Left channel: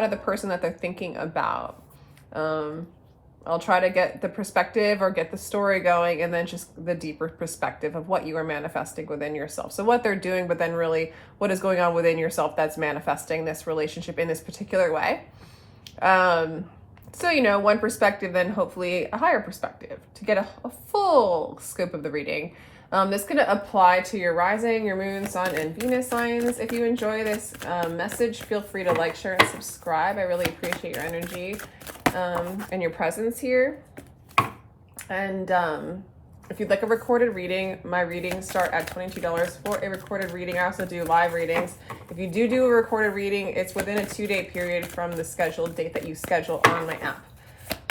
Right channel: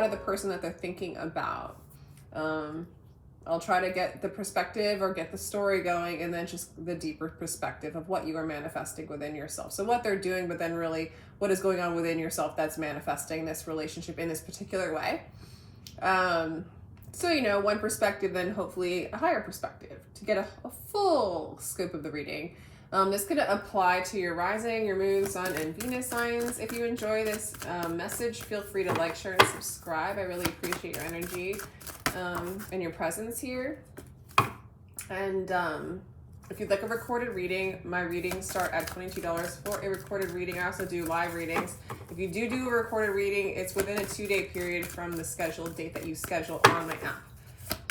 out of the person that they're thinking about. I'll try to get the perspective or get the story going, and then just the deeper perspective of what you are manifesting within yourself. So what they're doing, but then really what is going on within yourself that's manifesting this relationship in this particular way. So, you know, one perspective, then hopefully a higher perspective to get a full scope of the reading. This can apply to your rising, your moon, sun, and Venus signs. If you enjoy this message, feel free to like, share, and subscribe. I really appreciate your energy and your presence here. And if you'd like a recorded reading, my readings start at $22 for a recorded reading. I also do live readings. If you do a recorded reading, it's within a 2-day period from the scheduled date that you schedule on my app.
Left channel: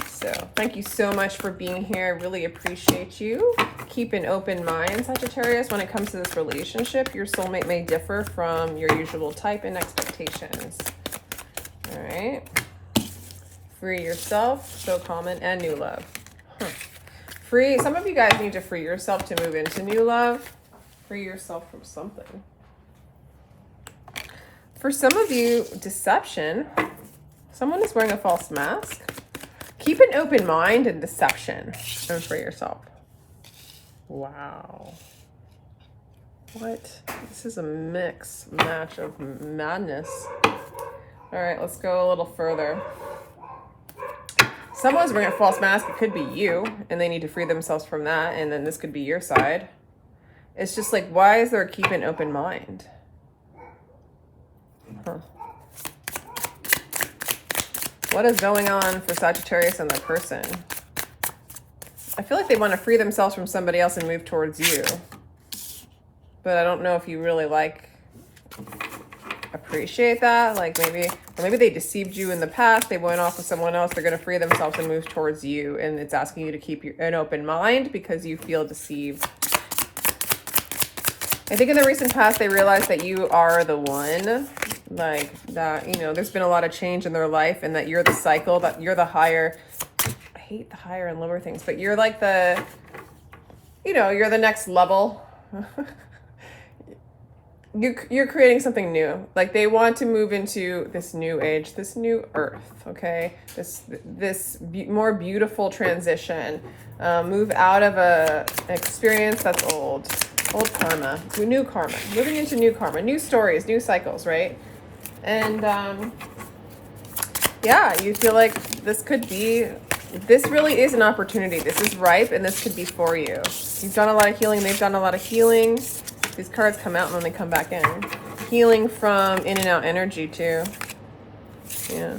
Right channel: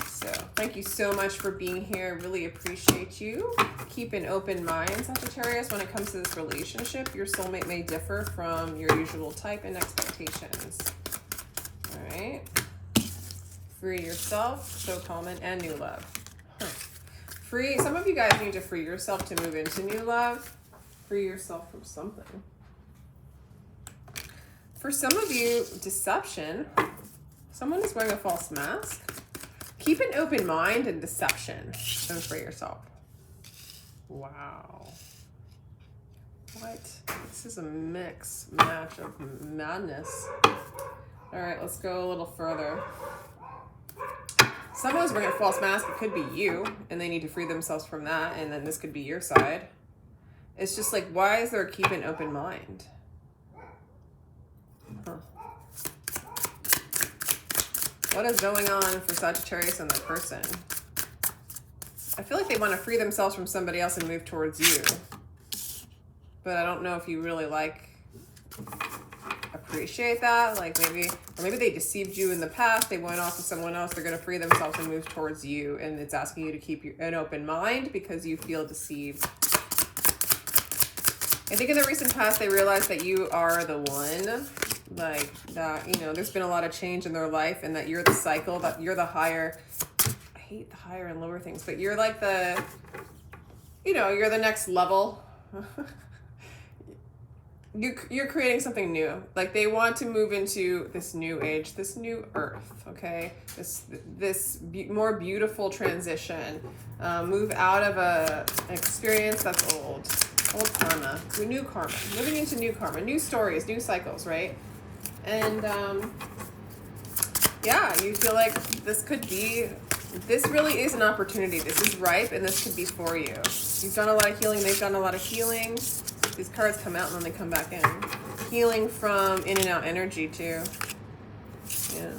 So thank you so much for being here. I really appreciate you. Keep an open mind, Sagittarius. When it comes to this relationship, your soulmate may differ from your usual type and expectations. All right. Free yourself, so common, and new love. Free, some of you guys need to free yourself to move into new love. Free yourself from something. For some of you, deception. Someone is wearing a false mask. Keep an open mind and deception, and free yourself. Wow. What? This is a match of madness. All right, let's go a little further. Someone's wearing a false mask. It could be you, and they need to free themselves from that, and then this could be your side. It's just like, why is there a keep an open mind? Huh. What is going on for Sagittarius and their person? I feel like they want to free themselves from somebody else and move towards you. But I don't know if you really appreciate that. Like maybe they deceived you in the past. They went off with someone else. They're going to free themselves and move towards you. And it's asking you to keep an open mind because you feel deceived. I think in the recent past, they realized that you are the one. Like that, you know, there's been a lot of change in their life, and that you're the cycle, that you're the higher, I hate the higher and lower things, but you're like the, you know, you're the next level. You're creating something new. Like they want to move into this new age, this new earth, okay? This more beautiful transition. Move out of an experience that's old karma to new karma, moving into new karma, new stories, new cycles, right? And yeah, you feel like this really is an opportunity. This is ripe, and this could be for you. You've done a lot of healing. They've done a lot of healing. These cards come out and then they come back in. Healing from in and out energy too. Yeah.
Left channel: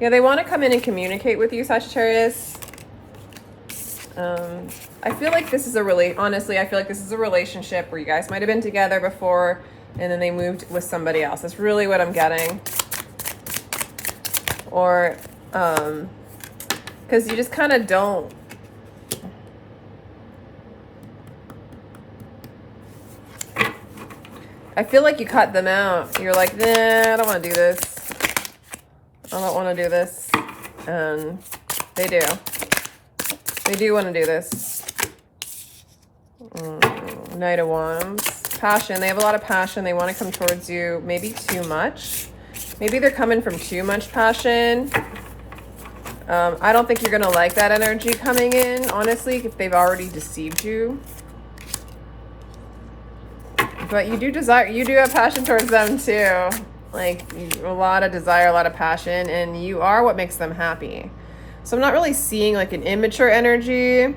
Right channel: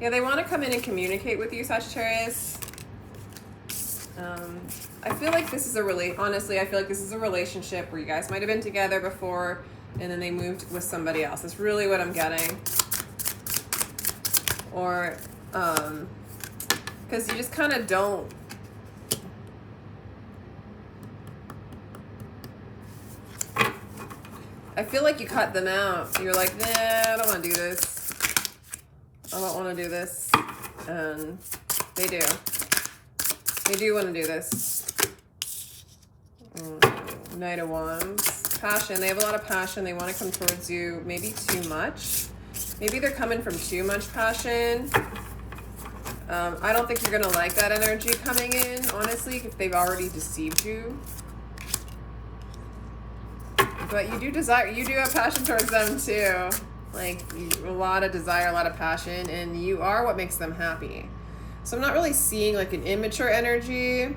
Yeah, they want to come in and communicate with you, Sagittarius. I feel like this is honestly, I feel like this is a relationship where you guys might have been together before and then they moved with somebody else. That's really what I'm getting. Or, because you just kind of don't. I feel like you cut them out. You're like, nah, I don't want to do this. I don't want to do this. And they do. They do want to do this. Knight of Wands. Passion. They have a lot of passion. They want to come towards you. Maybe too much. Maybe they're coming from too much passion. I don't think you're going to like that energy coming in, honestly, if they've already deceived you. But you do have passion towards them too. Like a lot of desire, a lot of passion, and you are what makes them happy. So I'm not really seeing like an immature energy.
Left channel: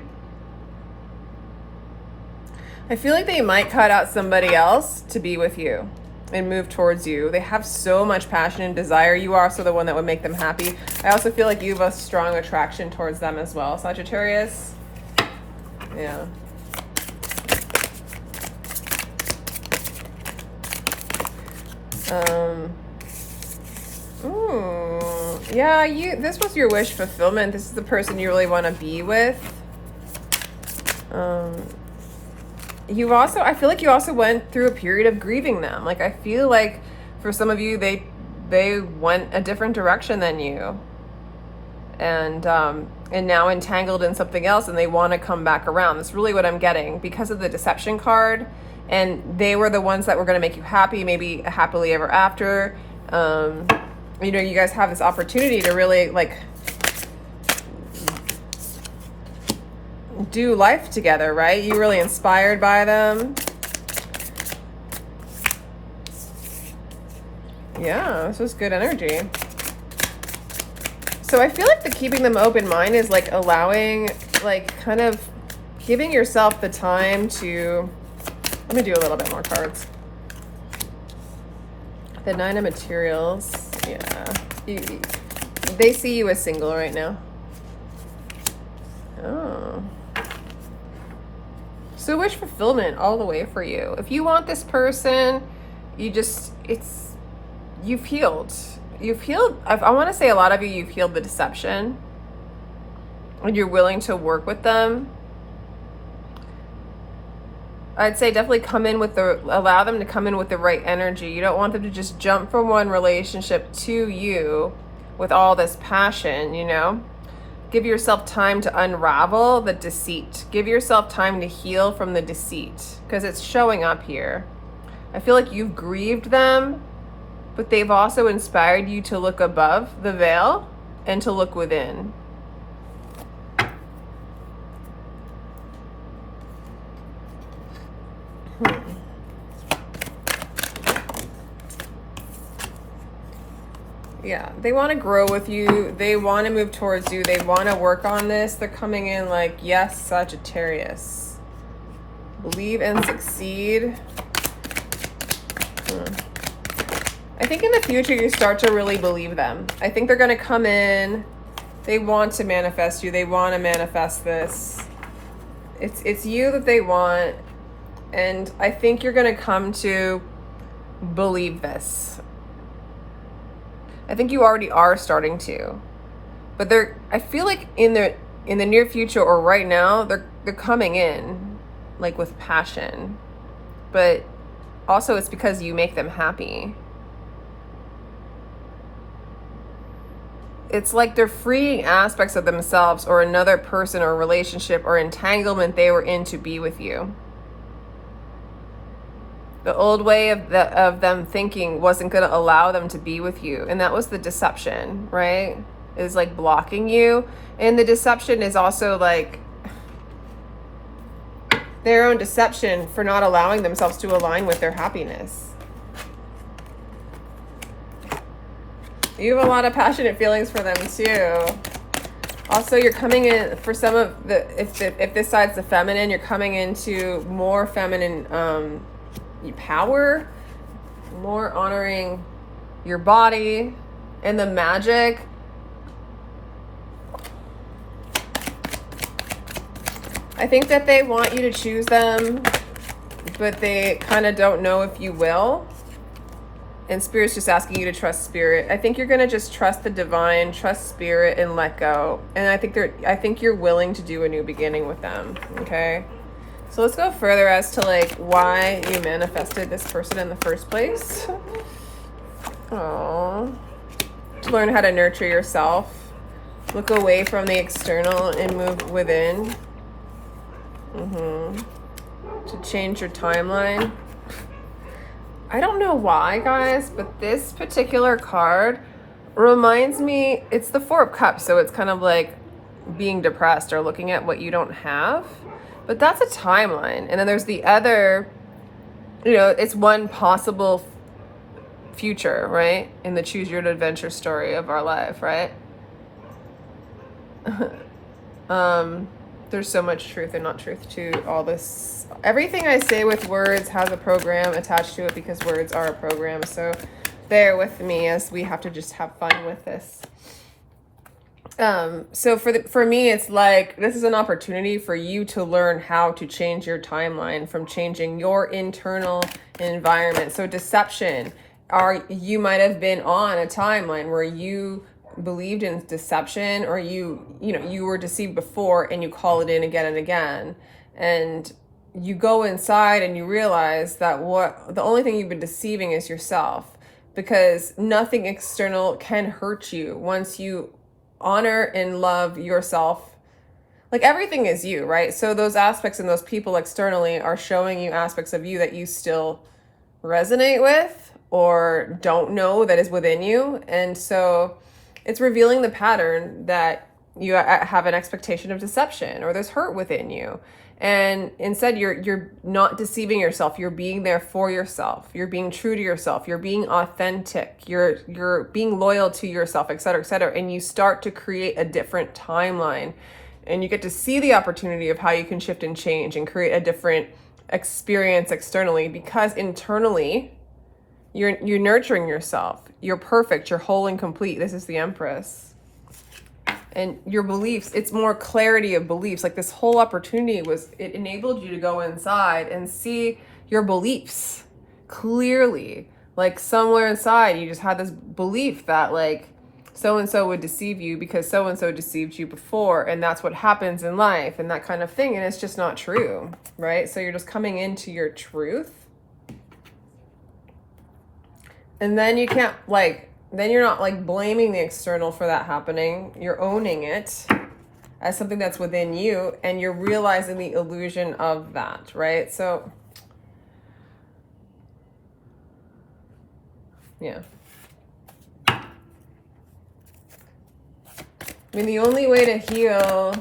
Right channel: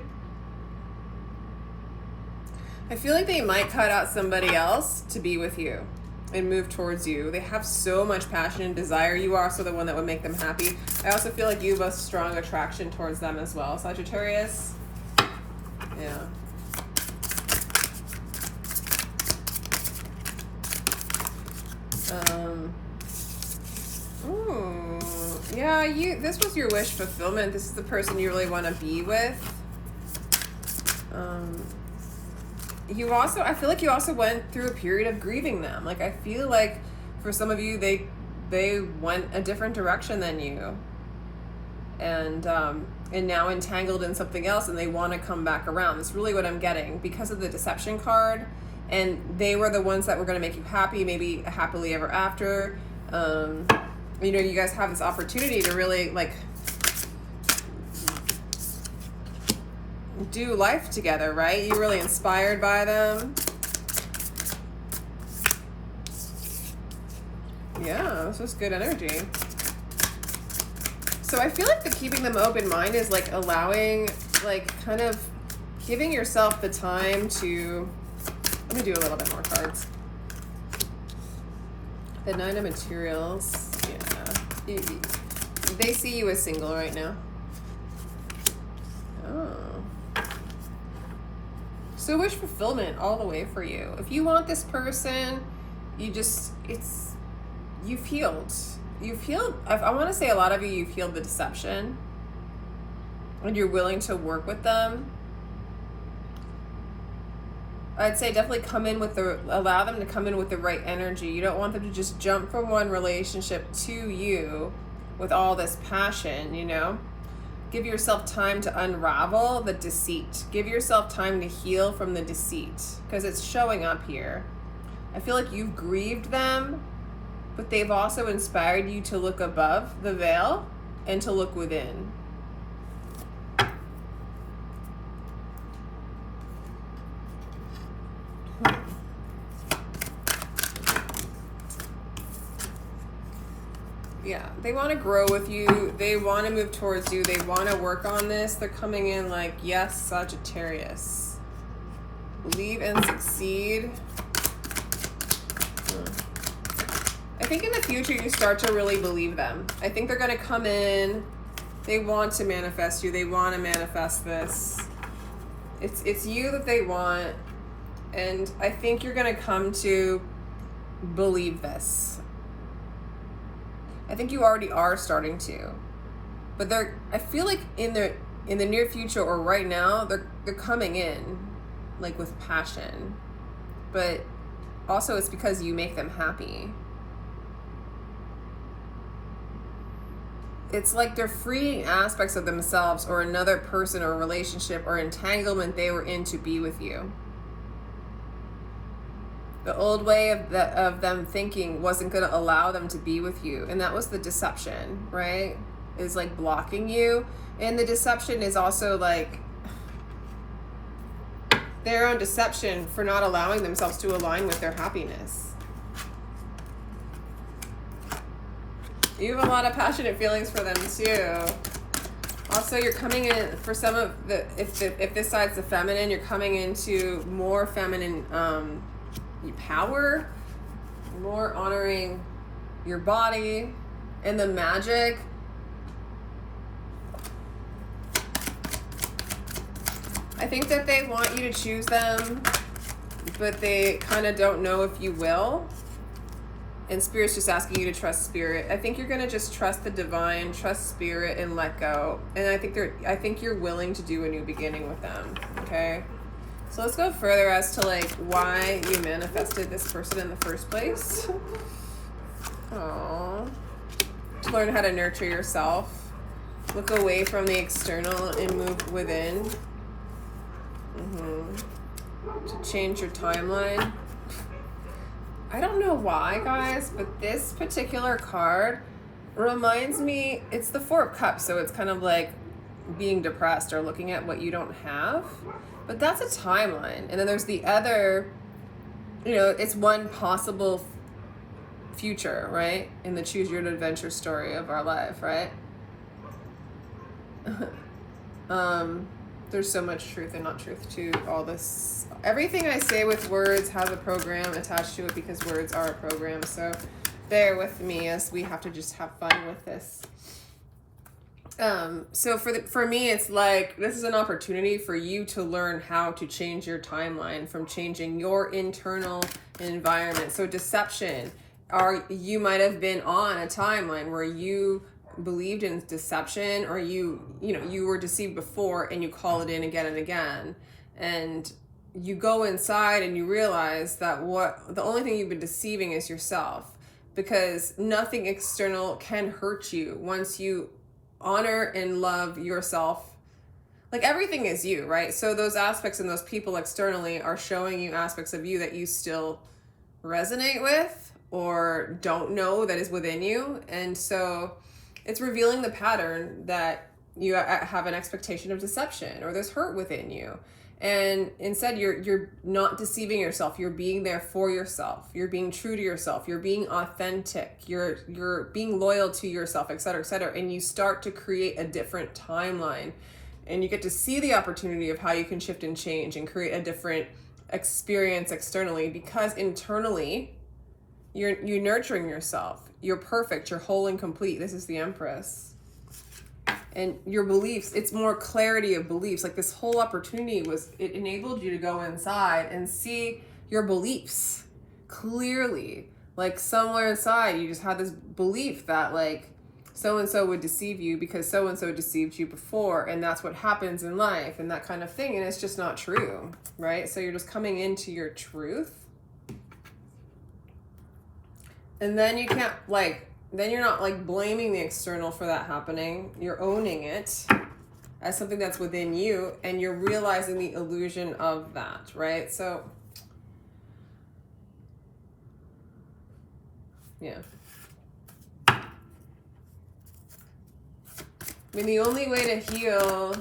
I feel like they might cut out somebody else to be with you and move towards you. They have so much passion and desire. You are also the one that would make them happy. I also feel like you have a strong attraction towards them as well, Sagittarius. Yeah. Yeah, this was your wish fulfillment. This is the person you really want to be with. I feel like you also went through a period of grieving them. Like I feel like for some of you, they went a different direction than you. And now entangled in something else, and they want to come back around. That's really what I'm getting. Because of the deception card, and they were the ones that were going to make you happy, maybe a happily ever after. You know, you guys have this opportunity to really like do life together, right? You're really inspired by them. Yeah, this was good energy. So I feel like the keeping them open mind is like allowing, like kind of giving yourself the time to, let me do a little bit more cards. The 9 of materials, yeah. They see you as single right now. Oh. So wish fulfillment all the way for you. If you want this person, you just, you've healed. You've healed. I want to say a lot of you've healed the deception. And you're willing to work with them. I'd say definitely allow them to come in with the right energy. You don't want them to just jump from one relationship to you with all this passion, you know? Give yourself time to unravel the deceit. Give yourself time to heal from the deceit, because it's showing up here. I feel like you've grieved them, but they've also inspired you to look above the veil and to look within. Yeah, they want to grow with you. They want to move towards you. They want to work on this. They're coming in like, yes, Sagittarius. Believe and succeed. I think in the future you start to really believe them. I think they're going to come in. They want to manifest you. They want to manifest this. It's you that they want. And I think you're going to come to believe this. I think you already are starting to. But I feel like in the near future or right now, they're coming in like with passion. But also it's because you make them happy. It's like they're freeing aspects of themselves or another person or relationship or entanglement they were in to be with you. The old way of them thinking wasn't going to allow them to be with you. And that was the deception, right? Is like blocking you. And the deception is also like their own deception for not allowing themselves to align with their happiness. You have a lot of passionate feelings for them too. Also, you're coming in for some of the, if this side's the feminine, you're coming into more feminine power, more honoring your body and the magic. I think that they want you to choose them, but they kind of don't know if you will. And Spirit's just asking you to trust Spirit. I think you're going to just trust the divine, trust Spirit, and let go. And I think you're willing to do a new beginning with them. Okay? So let's go further as to like why you manifested this person in the first place. Aww. To learn how to nurture yourself. Look away from the external and move within. To change your timeline. I don't know why, guys, but this particular card reminds me, it's the 4 of Cups, so it's kind of like being depressed or looking at what you don't have. But that's a timeline. And then there's the other, you know, it's one possible future, right? In the choose your own adventure story of our life, right? There's so much truth and not truth to all this. Everything I say with words has a program attached to it because words are a program. So bear with me as we have to just have fun with this. So for me, it's like, this is an opportunity for you to learn how to change your timeline from changing your internal environment. So deception, you might have been on a timeline where you believed in deception, or you were deceived before and you call it in again and again. And you go inside and you realize that the only thing you've been deceiving is yourself, because nothing external can hurt you once you honor and love yourself like everything is you, right? So those aspects and those people externally are showing you aspects of you that you still resonate with or don't know that is within you. And so it's revealing the pattern that you have an expectation of deception or there's hurt within you. And instead you're not deceiving yourself. You're being there for yourself. You're being true to yourself. You're being authentic. You're being loyal to yourself, et cetera, et cetera. And you start to create a different timeline, and you get to see the opportunity of how you can shift and change and create a different experience externally, because internally you're nurturing yourself. You're perfect. You're whole and complete. This is the Empress. And your beliefs, it's more clarity of beliefs. Like this whole opportunity it enabled you to go inside and see your beliefs clearly. Like somewhere inside, you just had this belief that like so-and-so would deceive you because so-and-so deceived you before. And that's what happens in life and that kind of thing. And it's just not true, right? So you're just coming into your truth. And then you can't then you're not like blaming the external for that happening. You're owning it as something that's within you, and you're realizing the illusion of that, right? So, yeah. I mean, the only way to heal,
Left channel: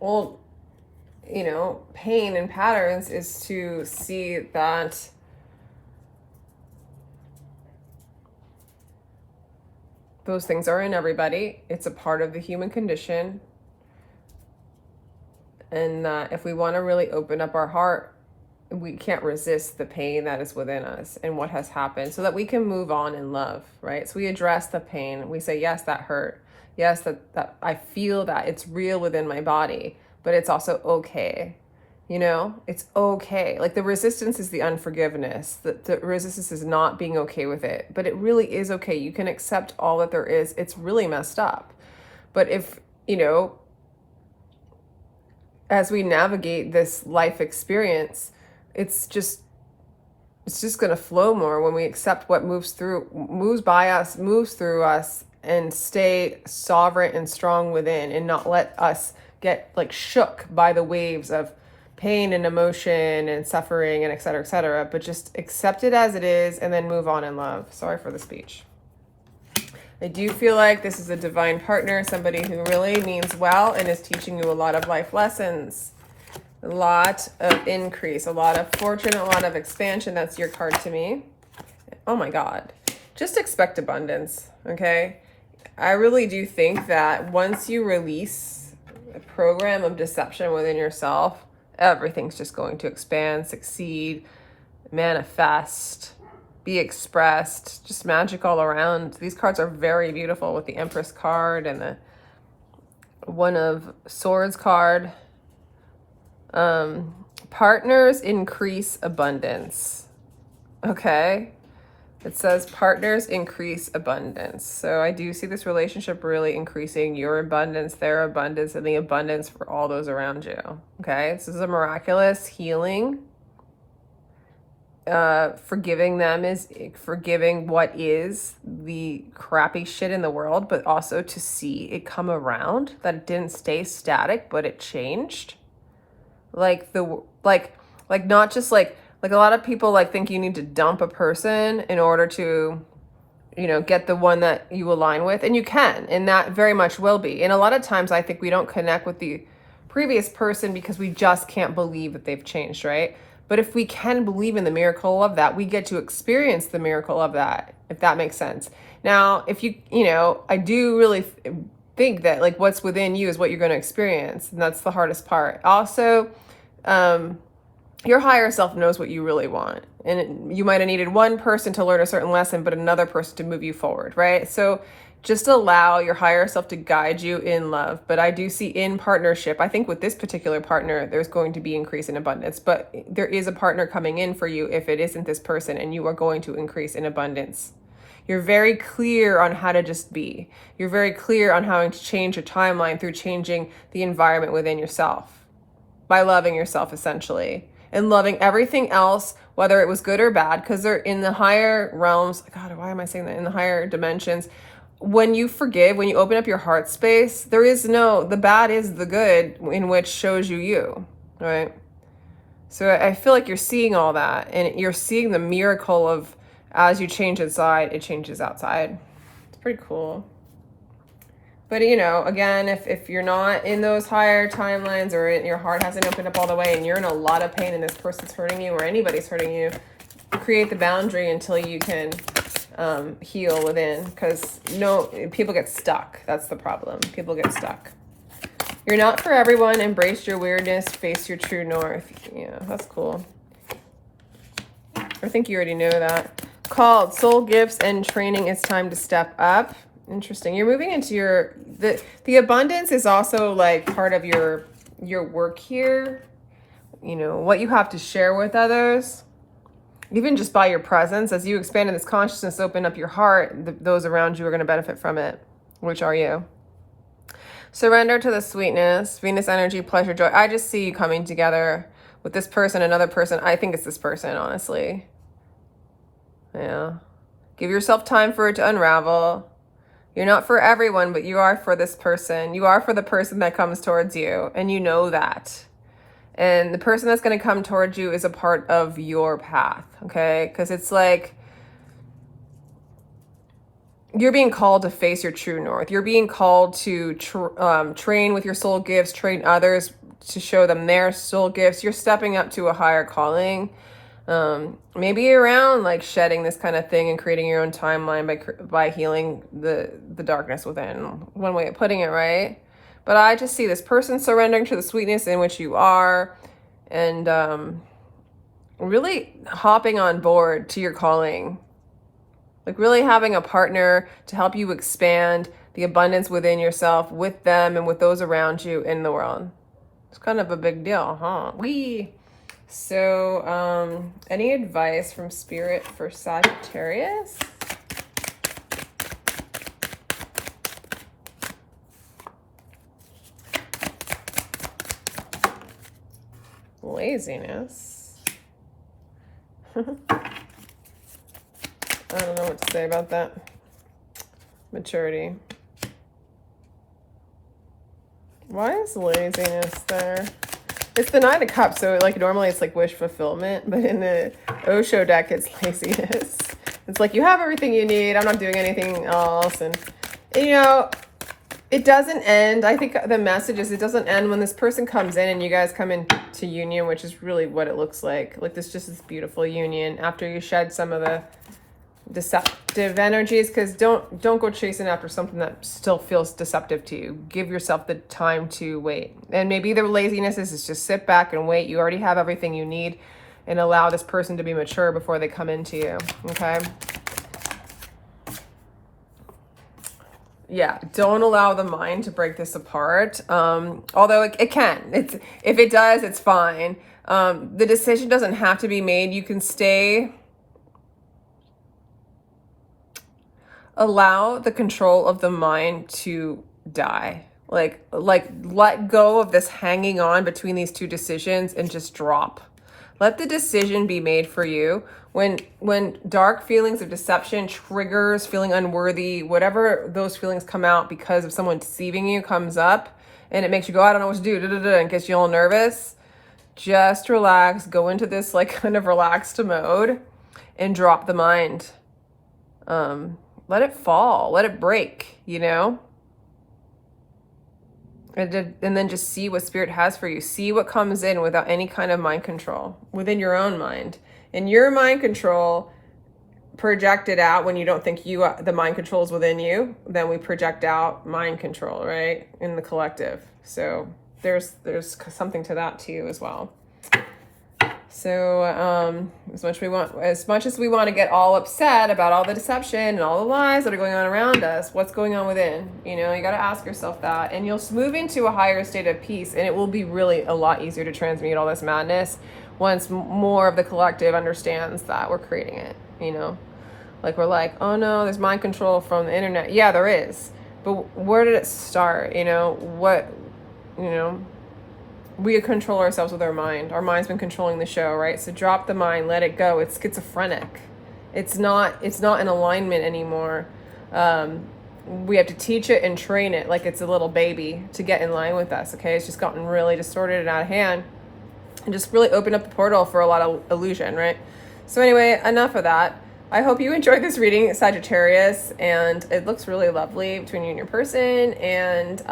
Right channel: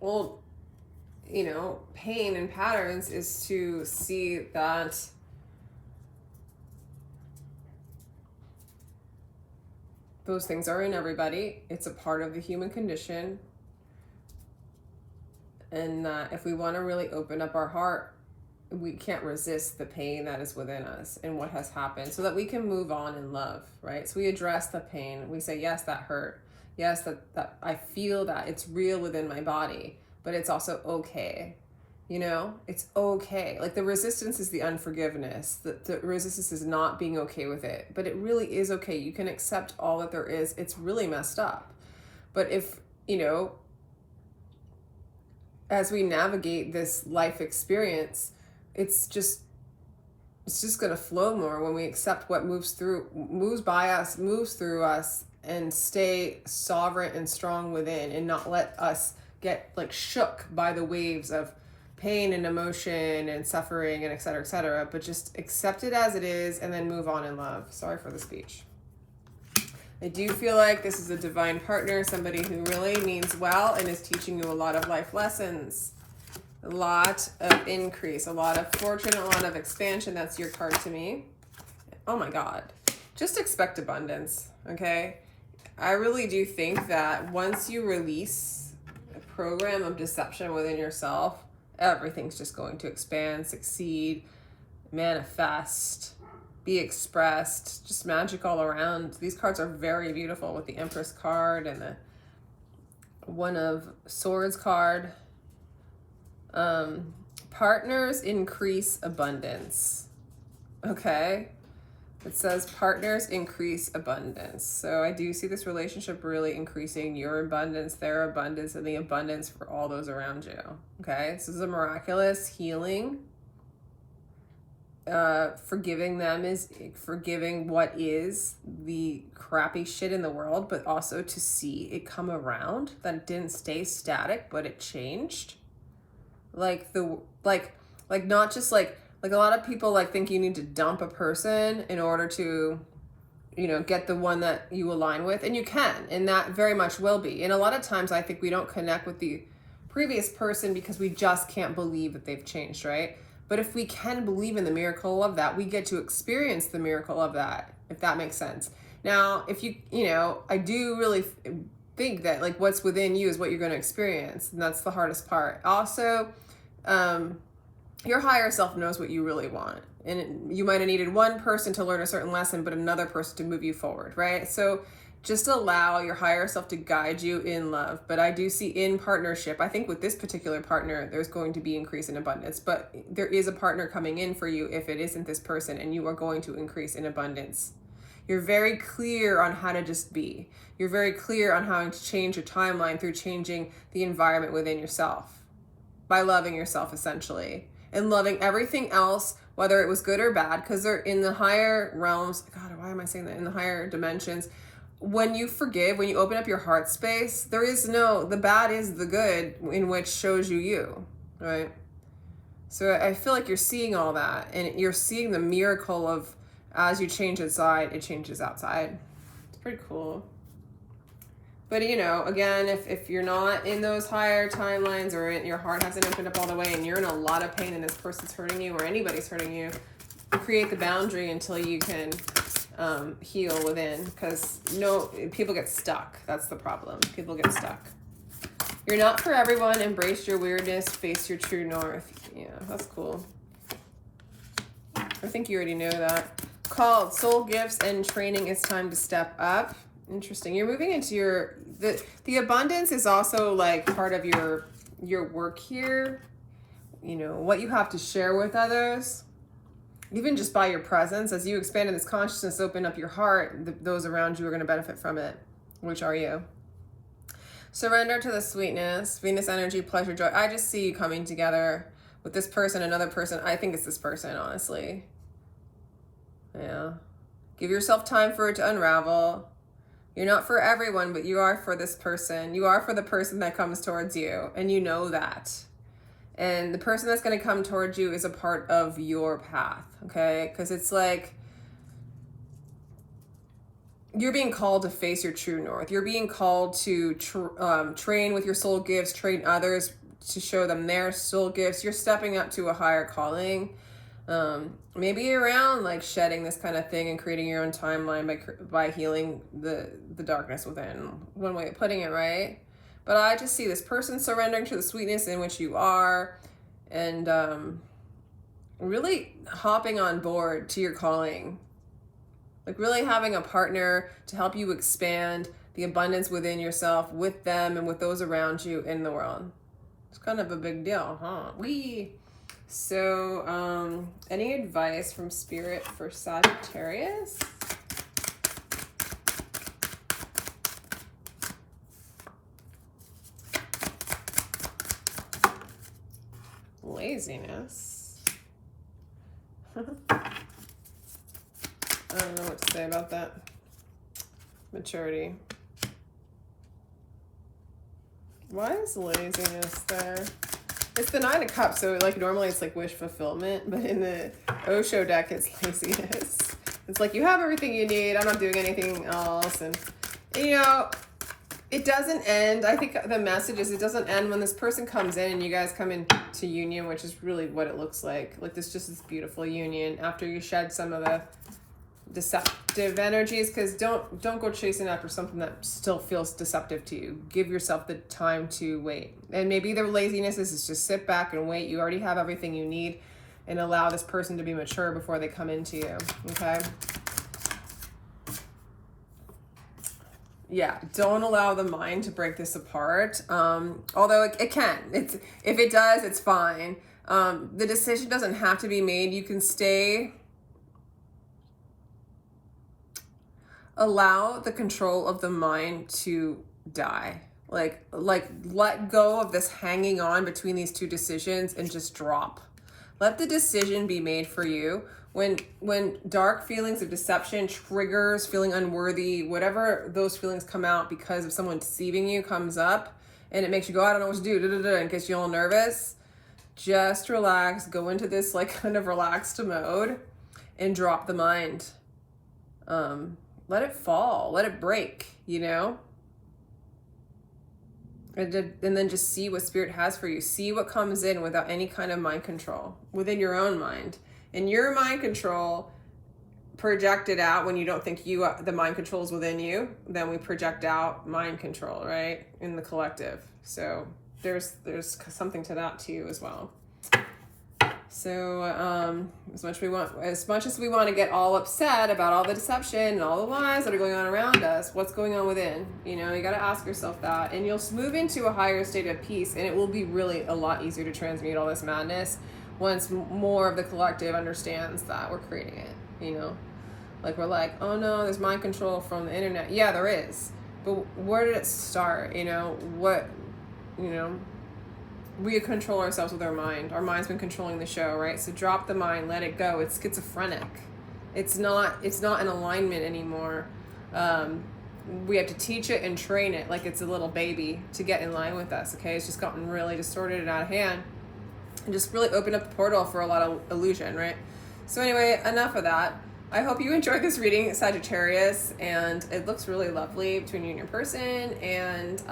well, you know, pain and patterns is to see that those things are in everybody. It's a part of the human condition. And if we want to really open up our heart, we can't resist the pain that is within us and what has happened, so that we can move on in love, right? So we address the pain. We say, yes, that hurt. Yes, that I feel that. It's real within my body, but it's also okay. You know, it's okay. Like the resistance is the unforgiveness. The resistance is not being okay with it, but it really is okay. You can accept all that there is. It's really messed up. But if, you know, as we navigate this life experience, it's just going to flow more when we accept what moves by us, moves through us, and stay sovereign and strong within, and not let us get like shook by the waves of pain and emotion and suffering and et cetera, but just accept it as it is and then move on in love. Sorry for the speech. I do feel like this is a divine partner, somebody who really means well and is teaching you a lot of life lessons, a lot of increase, a lot of fortune, a lot of expansion. That's your card to me. Oh my God. Just expect abundance, okay? I really do think that once you release a program of deception within yourself, everything's just going to expand, succeed, manifest, be expressed, just magic all around. These cards are very beautiful with the Empress card and the One of Swords card. Partners increase abundance. Okay. It says partners increase abundance. So I do see this relationship really increasing your abundance, their abundance, and the abundance for all those around you. Okay. This is a miraculous healing. Forgiving them is forgiving what is the crappy shit in the world, but also to see it come around, that it didn't stay static, but it changed. Like not just like a lot of people like think you need to dump a person in order to, you know, get the one that you align with, and you can, and that very much will be. And a lot of times I think we don't connect with the previous person because we just can't believe that they've changed, right? But if we can believe in the miracle of that, we get to experience the miracle of that, if that makes sense. Now, if you know, I do really think that like what's within you is what you're going to experience. And that's the hardest part. Also, your higher self knows what you really want. And you might have needed one person to learn a certain lesson, but another person to move you forward, right? So just allow your higher self to guide you in love. But I do see in partnership, I think with this particular partner, there's going to be increase in abundance, but there is a partner coming in for you if it isn't this person, and you are going to increase in abundance. You're very clear on how to just be. You're very clear on how to change your timeline through changing the environment within yourself, by loving yourself essentially, and loving everything else, whether it was good or bad, because they're in the higher realms. God, why am I saying that? In the higher dimensions, when you forgive, when you open up your heart space, there is no, the bad is the good in which shows you, right? So I feel like you're seeing all that, and you're seeing the miracle of, as you change inside, it changes outside. It's pretty cool. But, you know, again, if you're not in those higher timelines, or your heart hasn't opened up all the way and you're in a lot of pain and this person's hurting you or anybody's hurting you, create the boundary until you can heal within, because people get stuck. That's the problem. People get stuck. You're not for everyone. Embrace your weirdness. Face your true north. Yeah, that's cool. I think you already know that. Called soul gifts and training. It's time to step up. Interesting. You're moving into the abundance is also like part of your work here. You know, what you have to share with others. Even just by your presence, as you expand in this consciousness, open up your heart, those around you are going to benefit from it. Which are you? Surrender to the sweetness, Venus energy, pleasure, joy. I just see you coming together with this person, another person. I think it's this person, honestly. Yeah. Give yourself time for it to unravel. You're not for everyone, but you are for this person. You are for the person that comes towards you, and you know that. And the person that's going to come towards you is a part of your path, okay? Because it's like you're being called to face your true north. You're being called to train with your soul gifts, train others to show them their soul gifts. You're stepping up to a higher calling. Maybe around like shedding this kind of thing and creating your own timeline by healing the darkness within. One way of putting it, right? But I just see this person surrendering to the sweetness in which you are, and really hopping on board to your calling. Like really having a partner to help you expand the abundance within yourself, with them, and with those around you in the world. It's kind of a big deal, huh? So, any advice from Spirit for Sagittarius? Laziness. I don't know what to say about that. Maturity. Why is laziness there? It's the Nine of Cups, so like normally it's like wish fulfillment, but in the Osho deck it's laziness. It's like you have everything you need, I'm not doing anything else, and you know, it doesn't end. I think the message is it doesn't end when this person comes in and you guys come into union, which is really what it looks like. Like this beautiful union after you shed some of the deceptive energies, because don't go chasing after something that still feels deceptive to you. Give yourself the time to wait. And maybe the laziness is just sit back and wait. You already have everything you need, and allow this person to be mature before they come into you. Okay? Yeah, don't allow the mind to break this apart. Although it can. If it does, it's fine. The decision doesn't have to be made. You can stay. Allow the control of the mind to die. Like let go of this hanging on between these two decisions and just drop. Let the decision be made for you. When dark feelings of deception, triggers, feeling unworthy, whatever those feelings come out because of someone deceiving you comes up, and it makes you go, I don't know what to do, and gets you all nervous, just relax, go into this like kind of relaxed mode and drop the mind. Let it fall, let it break, you know? And then just see what Spirit has for you. See what comes in without any kind of mind control within your own mind. And your mind control projected out when you don't think the mind control is within you, then we project out mind control, right? In the collective. So there's something to that too as well. So as much as we want to get all upset about all the deception and all the lies that are going on around us, what's going on within? You know, you got to ask yourself that, and you'll move into a higher state of peace, and it will be really a lot easier to transmute all this madness once more of the collective understands that we're creating it. You know, like we're like, oh no, there's mind control from the internet. Yeah, there is, but where did it start? You know, we control ourselves with our mind. Our mind's been controlling the show, right? So drop the mind, let it go. It's schizophrenic. It's not in alignment anymore we have to teach it and train it like it's a little baby to get in line with us, okay? It's just gotten really distorted and out of hand, and just really opened up the portal for a lot of illusion, right? So anyway, enough of that. I hope you enjoyed this reading, Sagittarius, and it looks really lovely between you and your person. And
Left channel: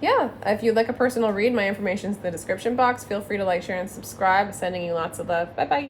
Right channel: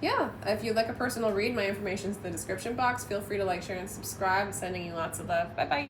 yeah, if you'd like a personal read, my information's in the description box. Feel free to like, share, and subscribe. Sending you lots of love. Bye-bye.